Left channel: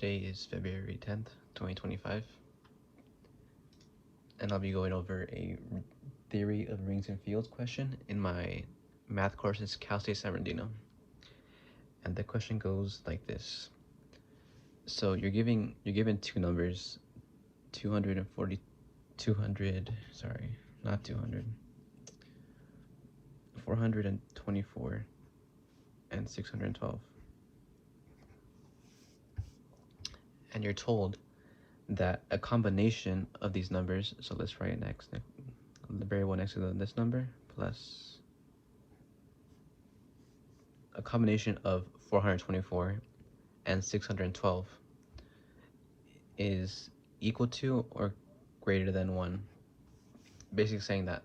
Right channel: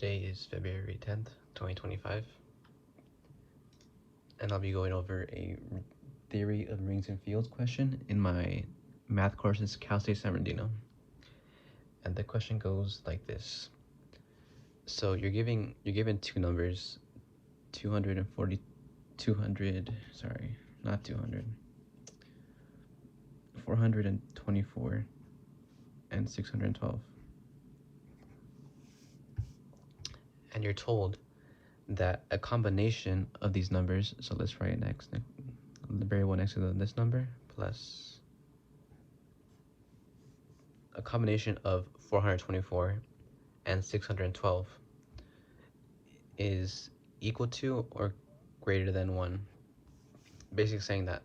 Today is February 10th, 2025, and I'll be going over a theory of rings and fields question in my math courses, Cal State San Bernardino. And the question goes like this. So you're given two numbers, 424 and 612. And you're told that a combination of these numbers, so let's write next, the variable next to this number, plus a combination of 424 and 612 is equal to or greater than 1. Basically saying that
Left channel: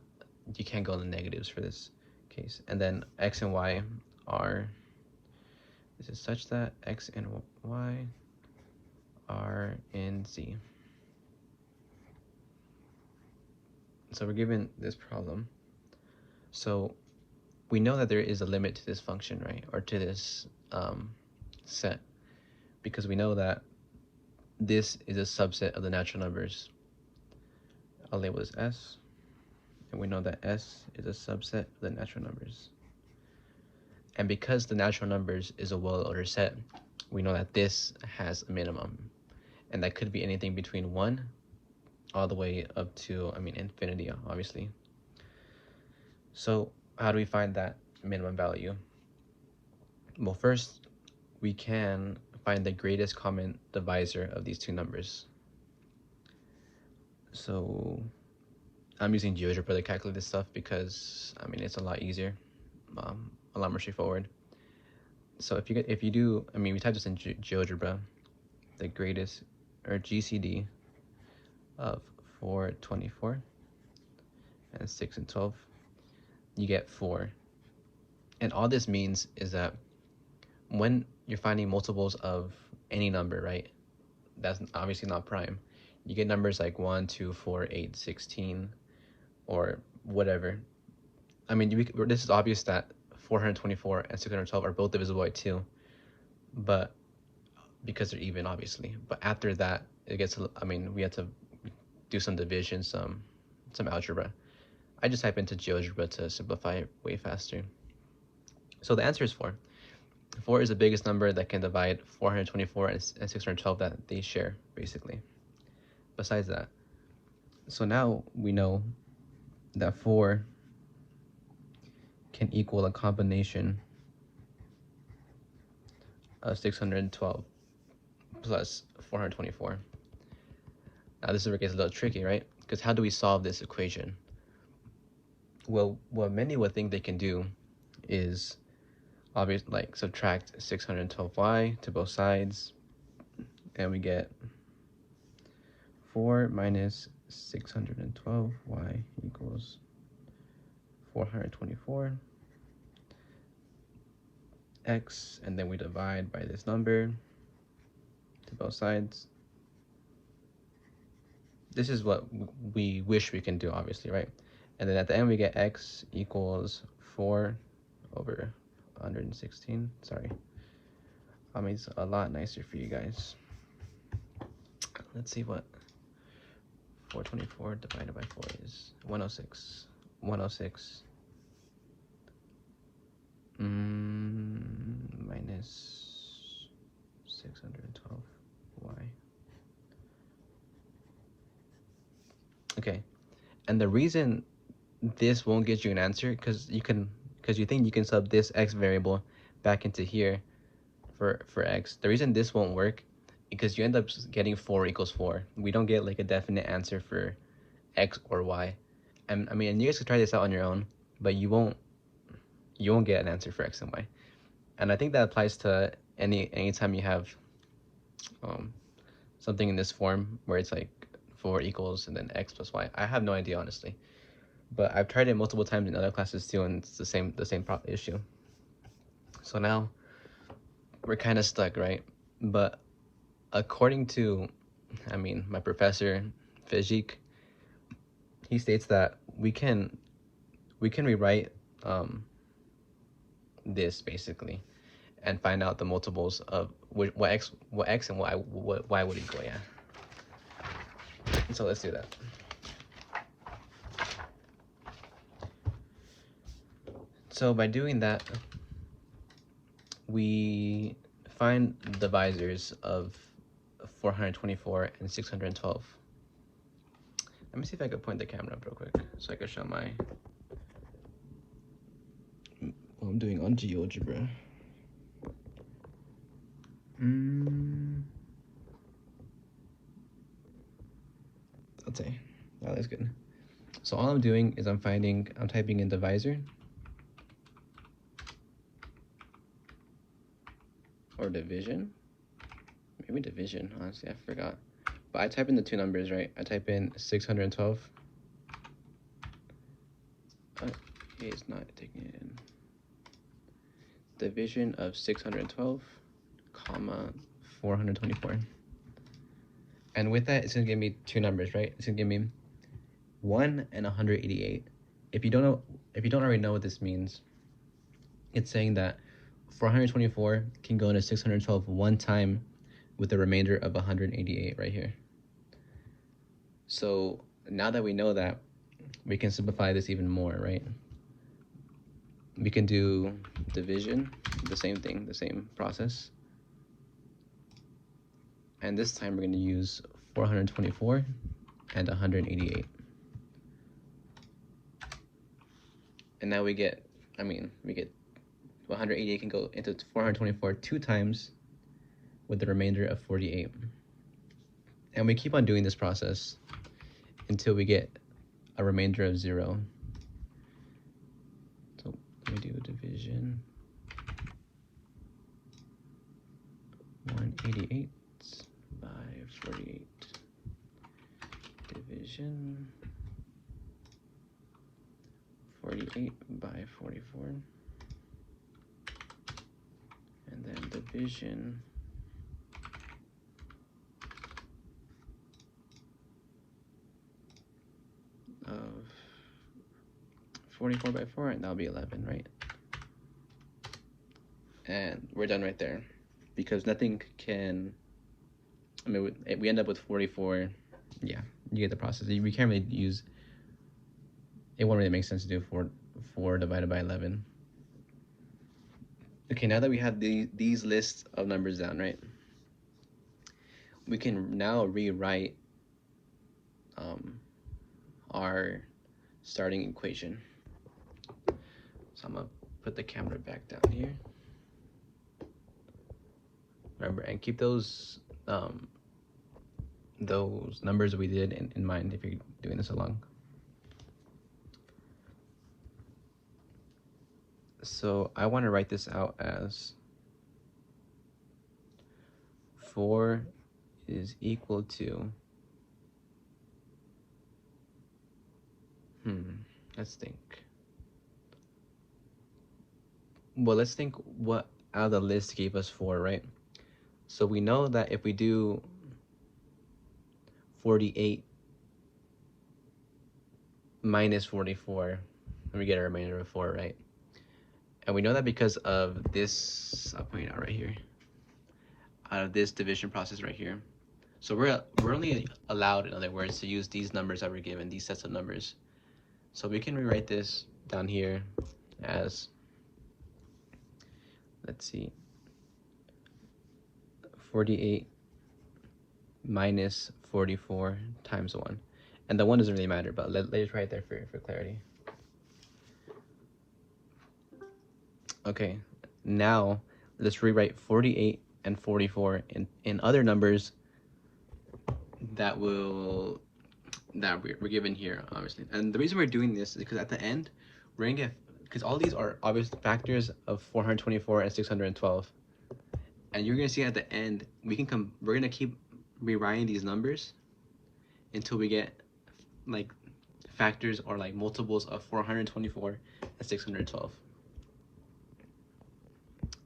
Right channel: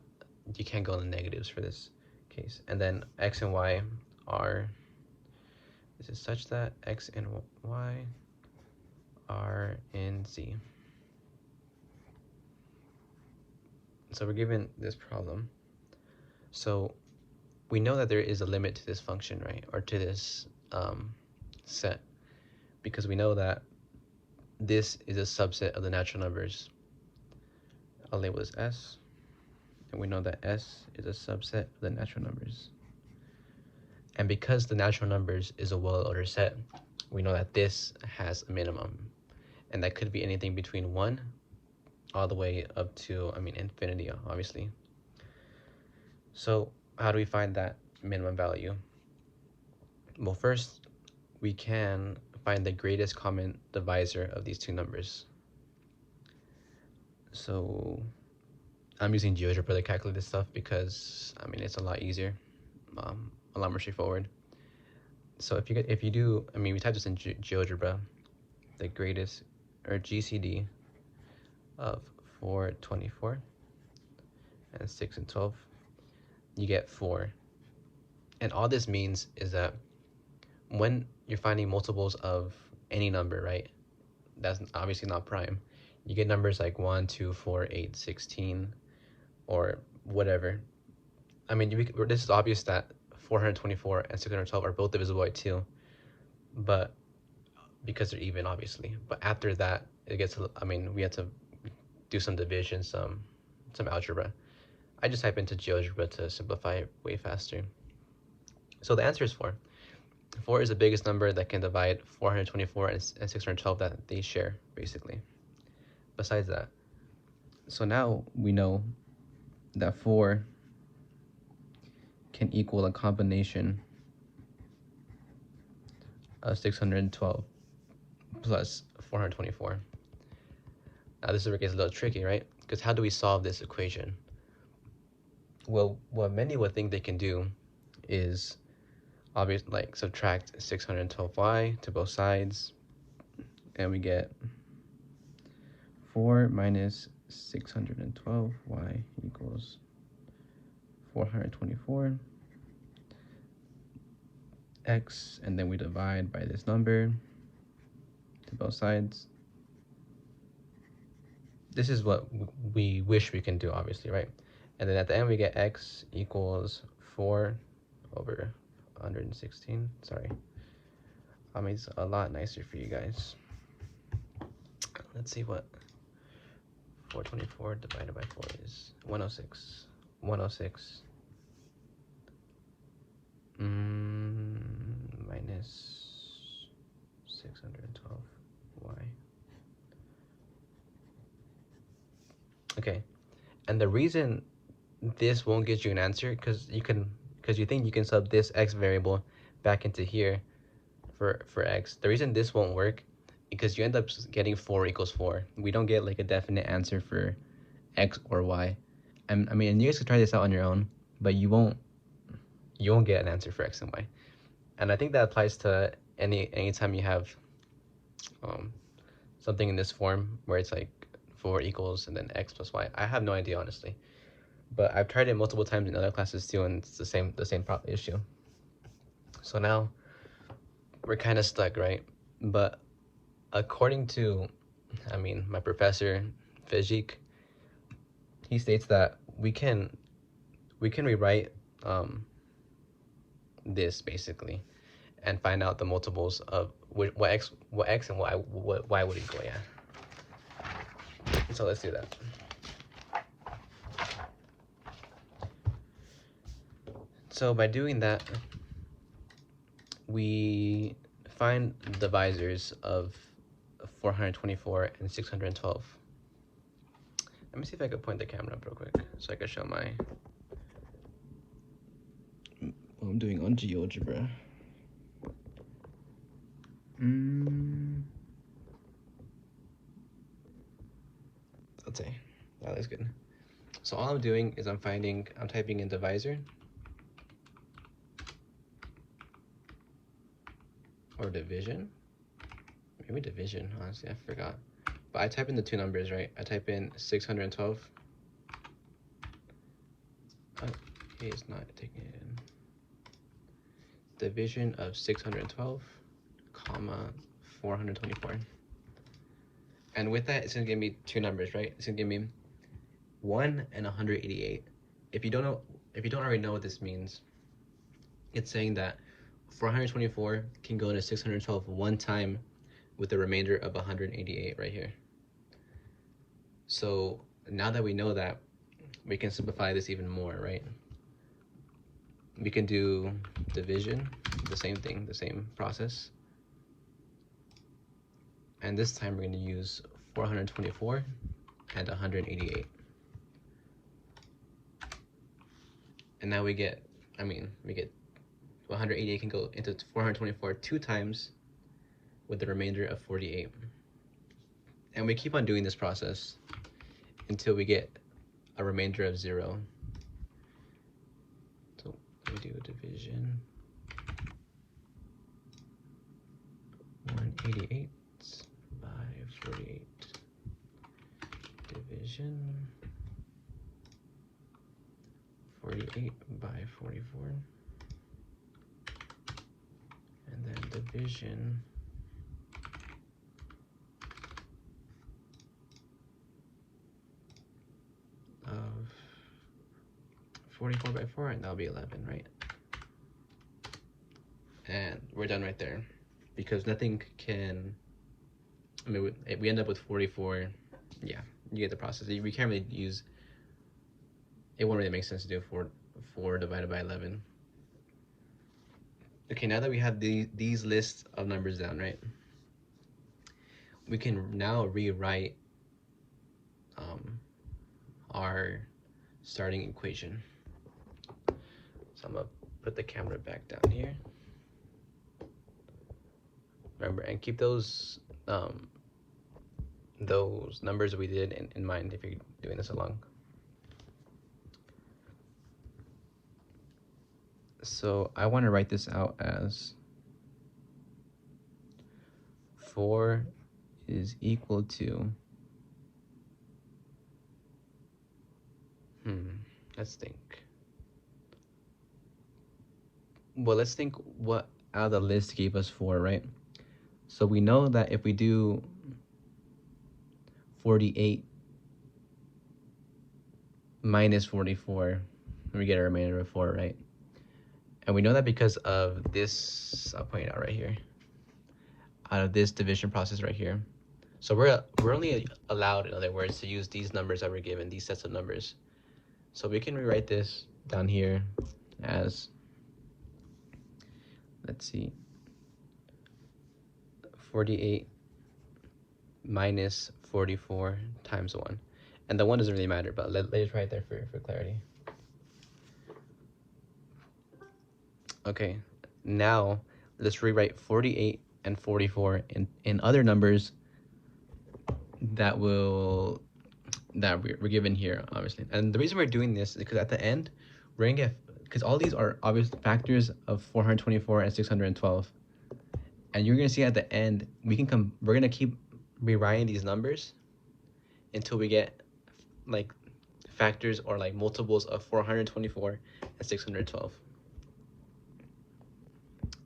you can't go in the negatives for this case. And then x and y are, is it such that x and y are in Z. So we're given this problem. So we know that there is a limit to this function, right? Or to this set, because we know that this is a subset of the natural numbers. I'll label this S, and we know that S is a subset of the natural numbers. And because the natural numbers is a well-ordered set, we know that this has a minimum, and that could be anything between 1 all the way up to, infinity, obviously. So how do we find that minimum value? Well, first, we can find the greatest common divisor of these two numbers. So I'm using GeoGebra to calculate this stuff because, it's a lot easier, a lot more straightforward. So if you do, we type this in GeoGebra, the greatest, or GCD, of 424 and 6 and 12, you get 4. And all this means is that when you're finding multiples of any number, right, that's obviously not prime, you get numbers like 1, 2, 4, 8, 16, or whatever. This is obvious that 424 and 612 are both divisible by 2, but because they're even, obviously. But after that, it gets, we have to do some division, some algebra. I just type into GeoGebra to simplify it way faster. So the answer is 4. 4 is the biggest number that can divide 424 and 612 that they share, basically. Besides that, so now we know that 4 can equal a combination of 612 plus 424. Now this is where it gets a little tricky, right? Because how do we solve this equation? Well, what many would think they can do is obviously like subtract 612y to both sides, and we get 4 minus 612y equals 424 x, and then we divide by this number to both sides. This is what we wish we can do, obviously, right? And then at the end we get x equals 4 over 116. Sorry, it's a lot nicer for you guys. Let's see what 424 divided by 4 is. 106. 106 minus 612y. Okay, and the reason this won't get you an answer because you think you can sub this x variable back into here for x. The reason this won't work because you end up getting 4 equals 4. We don't get like a definite answer for x or y. And you guys can try this out on your own, but you won't get an answer for x and y. And I think that applies to anytime you have something in this form where it's like 4 equals and then x plus y. I have no idea, honestly, but I've tried it multiple times in other classes too, and it's the same issue. So now we're kind of stuck, right? But according to my professor Fejik, he states that we can rewrite this basically and find out the multiples of what x and what y would equal. Yeah. So let's do that. So by doing that, we find the divisors of 424 and 612. Let me see if I can point the camera up real quick so I can show my what I'm doing on GeoGebra. Okay, that looks good. So all I'm doing is I'm typing in divisor or division. Maybe division, honestly, I forgot. But I type in the two numbers, right? I type in 612. Oh, it's not taking it in. Division of 612, comma 424. And with that, it's gonna give me two numbers, right? It's gonna give me 1 and 188. If you don't already know what this means, it's saying that 424 can go into 612 one time with the remainder of 188 right here. So now that we know that, we can simplify this even more, right? We can do division, the same thing, the same process. And this time we're going to use 424 and 188. And now we get 188 can go into 424 two times with the remainder of 48. And we keep on doing this process until we get a remainder of 0. So we do division 188 by 48. Division 48 by 44. And then division of 44 by 4, and that'll be 11, right? And we're done right there, because nothing can, we end up with 44. Yeah, you get the process. We can't really use, it won't really make sense to do 4 divided by 11. Okay, now that we have these lists of numbers down, right? We can now rewrite our starting equation. So I'm gonna put the camera back down here. Remember, and keep those numbers we did in mind if you're doing this along. So I want to write this out as 4 is equal to, let's think. Well, let's think what out of the list gave us 4, right? So we know that if we do 48 minus 44, we get a remainder of 4, right? And we know that because of this, I'll point it out right here, out of this division process right here. So we're only allowed, in other words, to use these numbers that we're given, these sets of numbers. So we can rewrite this down here as, let's see, 48 minus 44 times 1. And the 1 doesn't really matter, but let's write there for clarity. Okay, now let's rewrite 48 and 44 in other numbers that we're given here, obviously. And the reason we're doing this is because at the end, we're gonna get, because all these are obvious factors of 424 and 612. And you're gonna see at the end, we're gonna keep rewriting these numbers until we get like factors or like multiples of 424 and 612.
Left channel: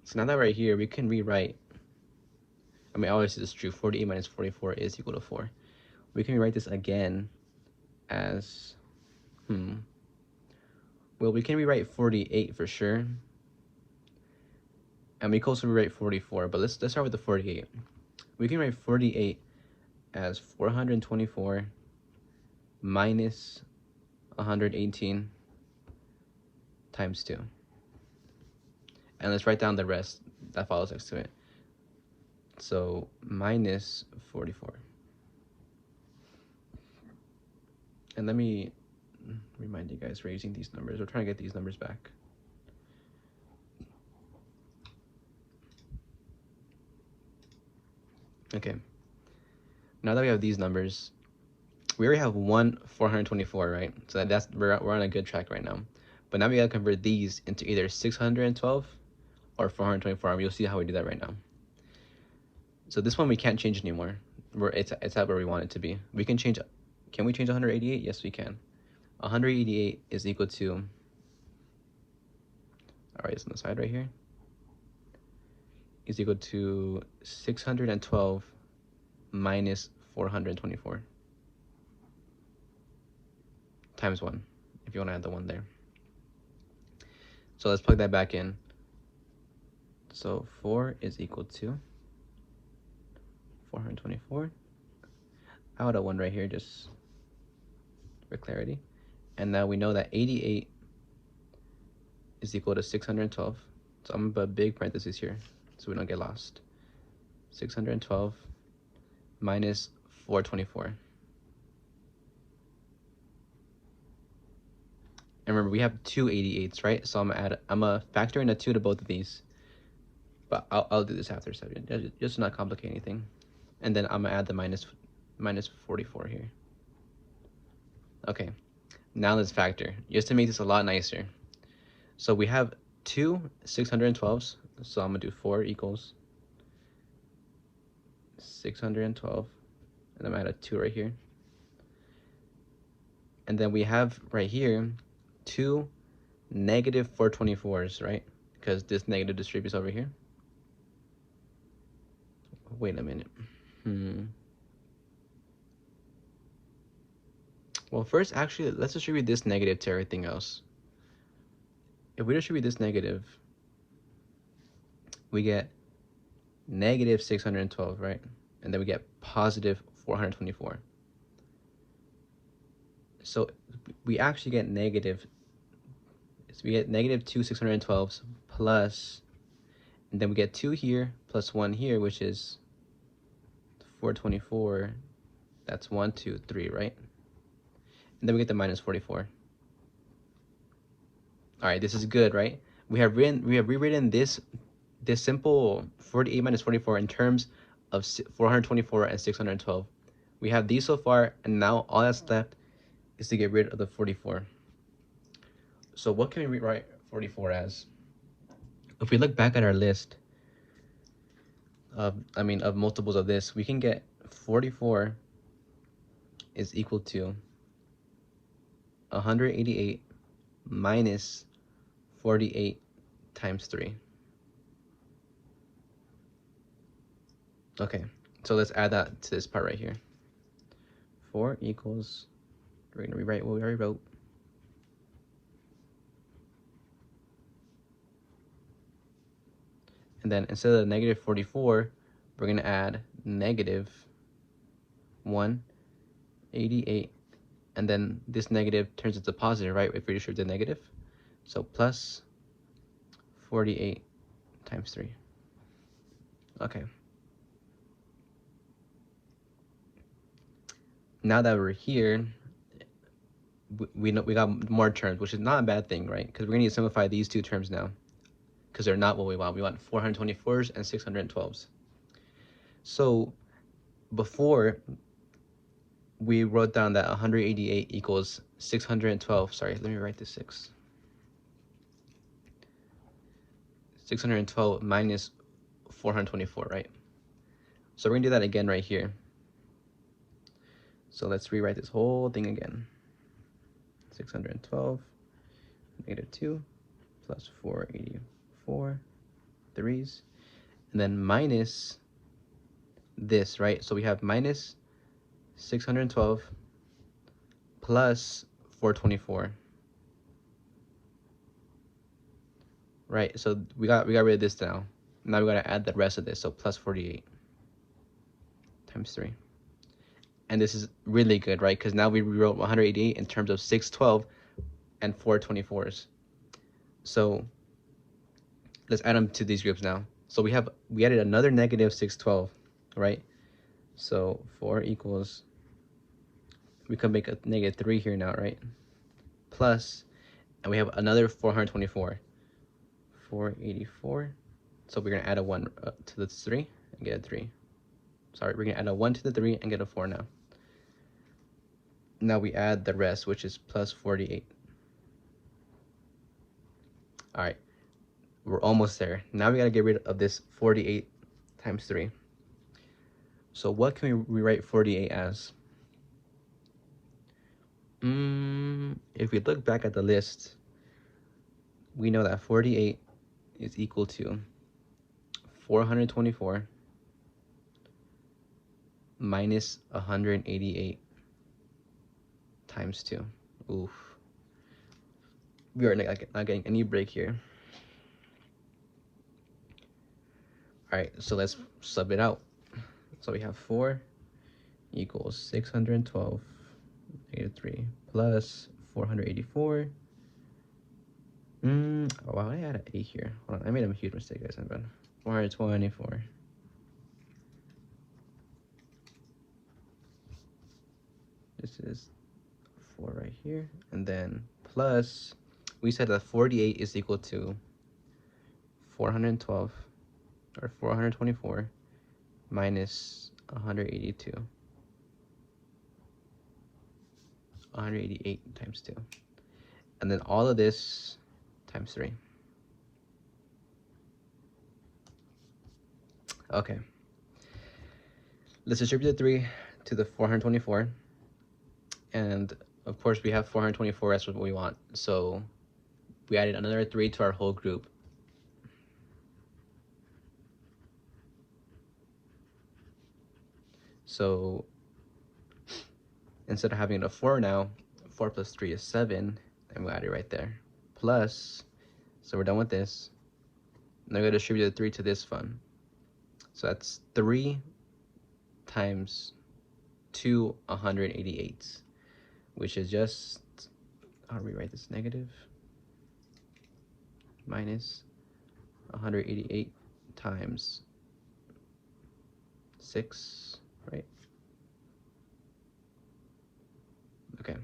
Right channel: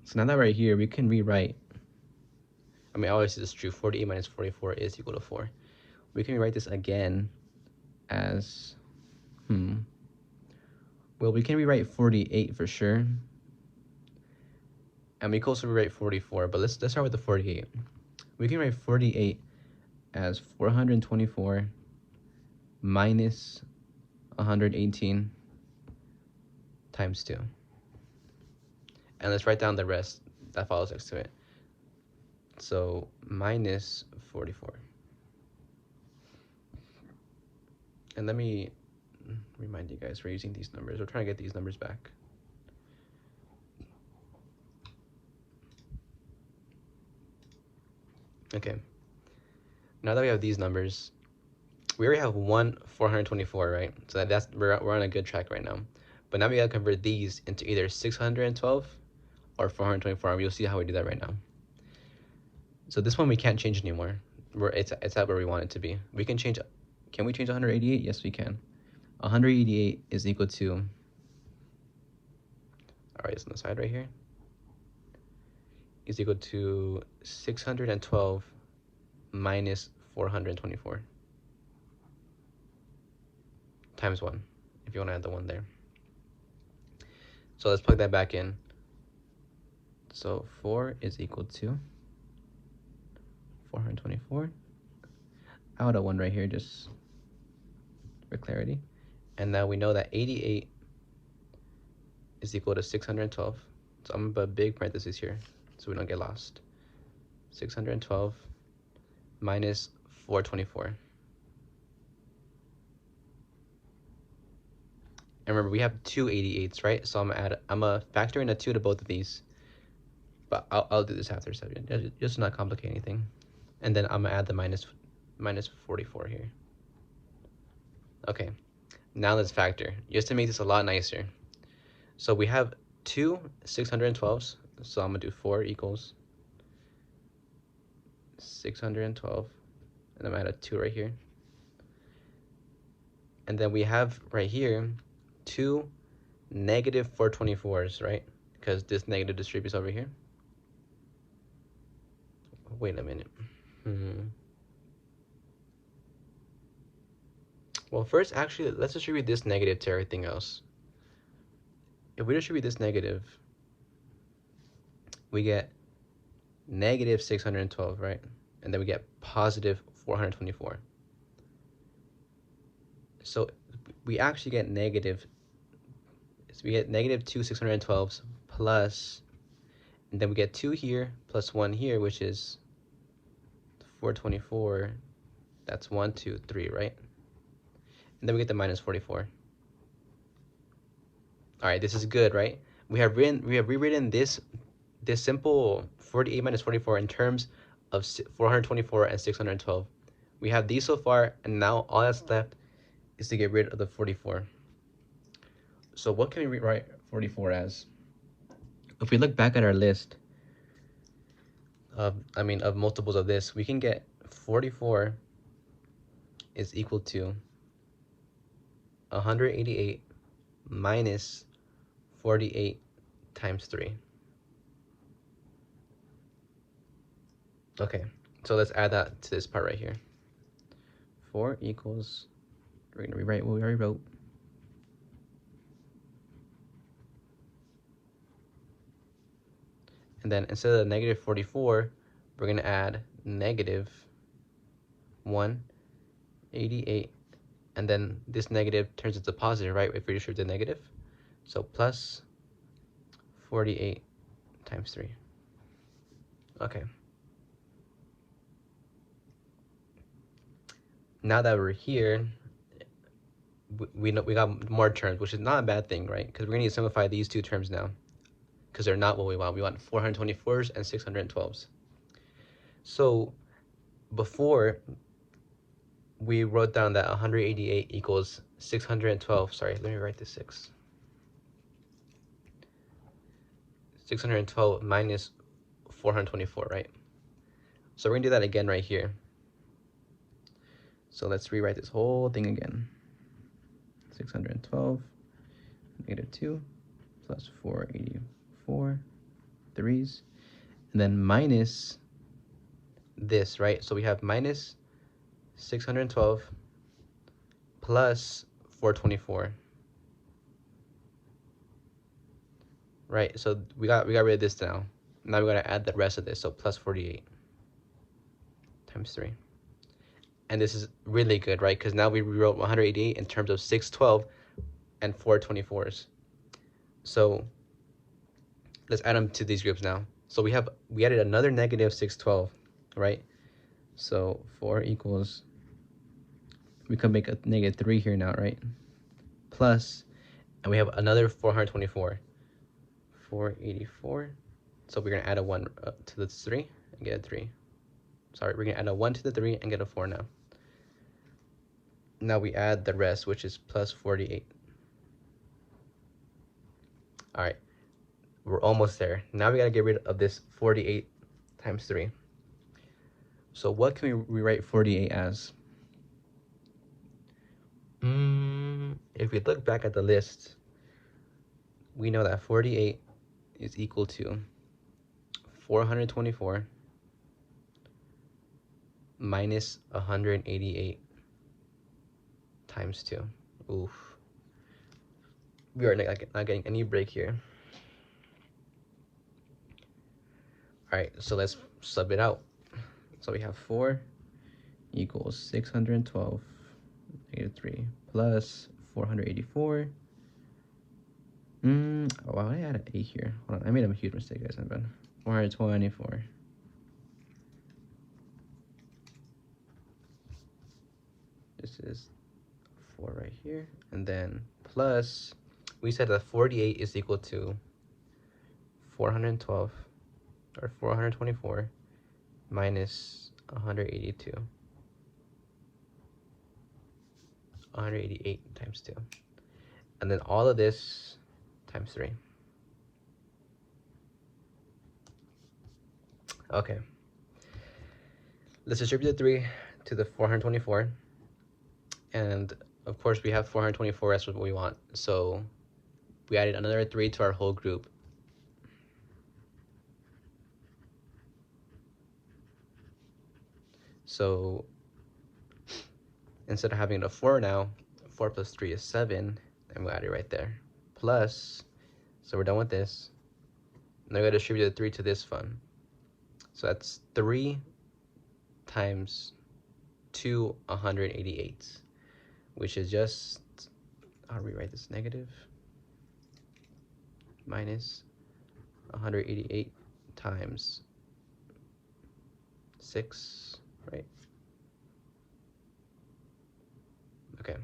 So now that we're here, we can rewrite, obviously this is true, 48 minus 44 is equal to 4. We can rewrite this again as, well, we can rewrite 48 for sure and we can also rewrite 44, but let's start with the 48. We can write 48 as 424 minus 118 times 2. And let's write down the rest that follows next to it. So minus 44. And let me remind you guys, we're using these numbers. We're trying to get these numbers back. Okay. Now that we have these numbers, we already have one 424, right? So we're on a good track right now. But now we gotta convert these into either 612 or 424, and we'll see how we do that right now. So this one we can't change anymore. It's at where we want it to be. We can change. Can we change 188? Yes, we can. 188 is equal to. All right, it's on the side right here. Is equal to 612 minus 424 times 1, if you want to add the 1 there. So let's plug that back in. So 4 is equal to 424. I'll add a 1 right here just for clarity. And now we know that 88 is equal to 612. So I'm going to put a big parenthesis here so we don't get lost. 612 minus 424. And remember, we have two 88s, right? So I'm gonna factor in a 2 to both of these. But I'll do this after, so just not complicate anything. And then I'm gonna add the minus 44 here. Okay, now let's factor, just to make this a lot nicer. So we have two 612s, so I'm gonna do 4 equals 612, and I'm gonna add a 2 right here. And then we have right here two negative 424s, right? Because this negative distributes over here. Wait a minute. Well, first, actually, let's distribute this negative to everything else. If we distribute this negative, we get negative 612, right? And then we get positive 424. So we actually get negative. So we get negative 2 612s plus, and then we get 2 here plus 1 here, which is 424. That's 1, 2, 3, right? And then we get the minus 44. All right, this is good, right? We have rewritten this simple 48 minus 44 in terms of 424 and 612. We have these so far, and now all that's left is to get rid of the 44. So what can we rewrite 44 as? If we look back at our list of multiples of this, we can get 44 is equal to 188 minus 48 times 3. Okay, so let's add that to this part right here. 4 equals, we're going to rewrite what we already wrote. And then instead of negative 44, we're going to add negative 188. And then this negative turns into positive, right? If we distribute the negative. So plus 48 times 3. Okay. Now that we're here, we got more terms, which is not a bad thing, right? Because we're going to simplify these two terms now, because they're not what we want. We want 424s and 612s. So before, we wrote down that 188 equals 612. Sorry, let me write this 612 minus 424, right? So we're gonna do that again right here. So let's rewrite this whole thing again. 612 negative 2 plus 484 threes, and then minus this, right? So we have minus 612 plus 424, right? So we got rid of this now. Now we're gonna add the rest of this, so plus 48 times 3. And this is really good, right? Because now we rewrote 188 in terms of 612 and 424s. So let's add them to these groups now. So we added another negative 612, right? So 4 equals, we can make a negative 3 here now, right? Plus, and we have another 424, 484. So we're gonna add a 1 to the 3 and get a 3. Sorry, we're gonna add a 1 to the 3 and get a 4 now. Now we add the rest, which is plus 48. All right, we're almost there. Now we gotta get rid of this 48 times 3. So what can we rewrite 48 as? If we look back at the list, we know that 48 is equal to 424 minus 188 times 2. Oof. We are not getting any break here. All right, so let's sub it out. So we have 4 equals 612 negative 3 plus 484. Oh, I had an 8 here. Oh, I made a huge mistake, guys. I'm bad. 424. This is 4 right here. And then plus, we said that 48 is equal to 412 or 424 minus 182. 188 times 2. And then all of this times 3. Okay. Let's distribute the 3 to the 424. And of course we have 424, that's what we want. So we added another 3 to our whole group. So instead of having a 4 now, 4 plus 3 is 7, and we'll add it right there. Plus, so we're done with this. Now we're going to distribute the 3 to this one. So that's 3 times 2 188s, which is just, I'll rewrite this negative, minus 188 times 6, right? Okay.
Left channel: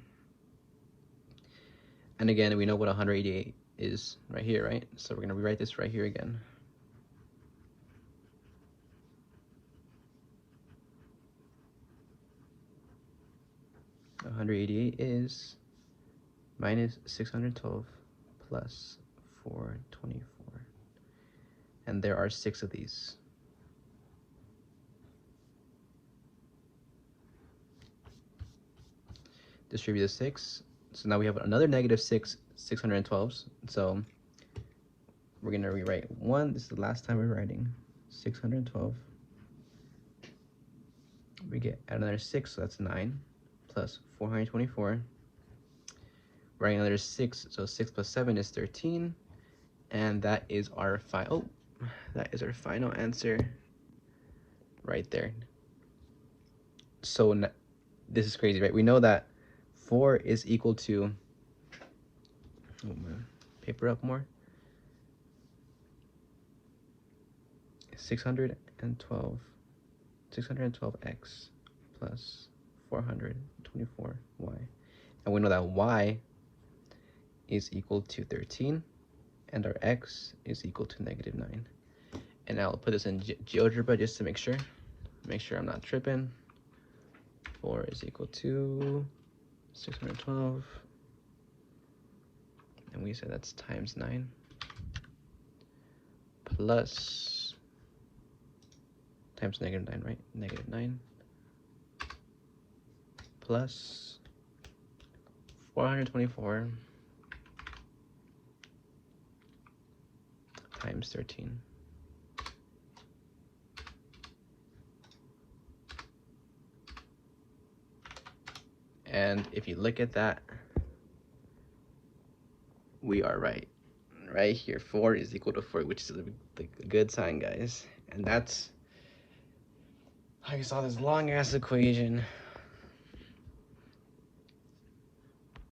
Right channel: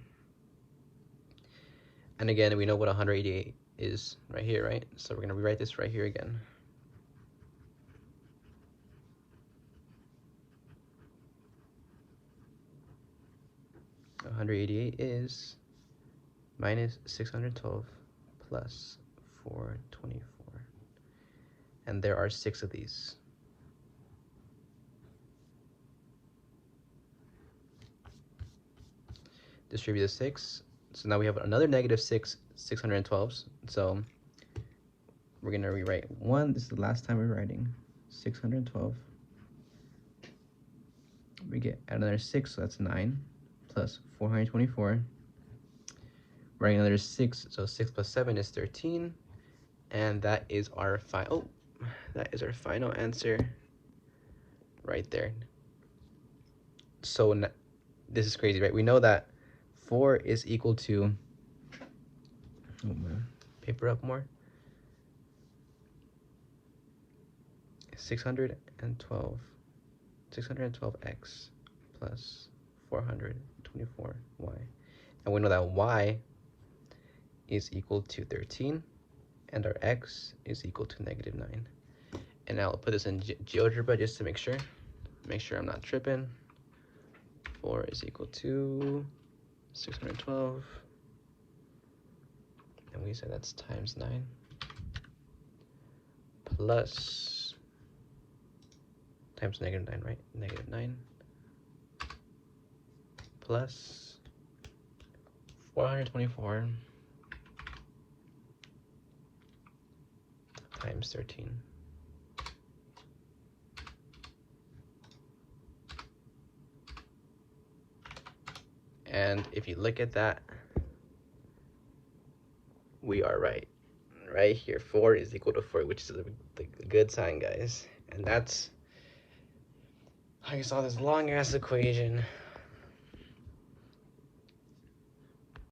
And again, we know what 188 is right here, right? So we're going to rewrite this right here again. $188 is minus 612 plus 424. And there are 6 of these. Distribute the 6. So now we have another negative 612s. So we're going to rewrite 1. This is the last time we're writing 612. We get another 6, so that's 9, plus 424. Writing another 6, so 6 plus 7 is 13. And that is our final answer right there. So this is crazy, right? We know that 4 is equal to, paper up more, 612x plus 424y. And we know that y is equal to 13, and our x is equal to negative 9. And I'll put this in GeoGebra just to make sure I'm not tripping. 4 is equal to 612, and we said that's times 9, plus, times negative 9, right? Negative 9, plus 424 times 13. And if you look at that, we are right right here. 4 is equal to 4, which is a good sign, guys. And that's, I saw this long ass equation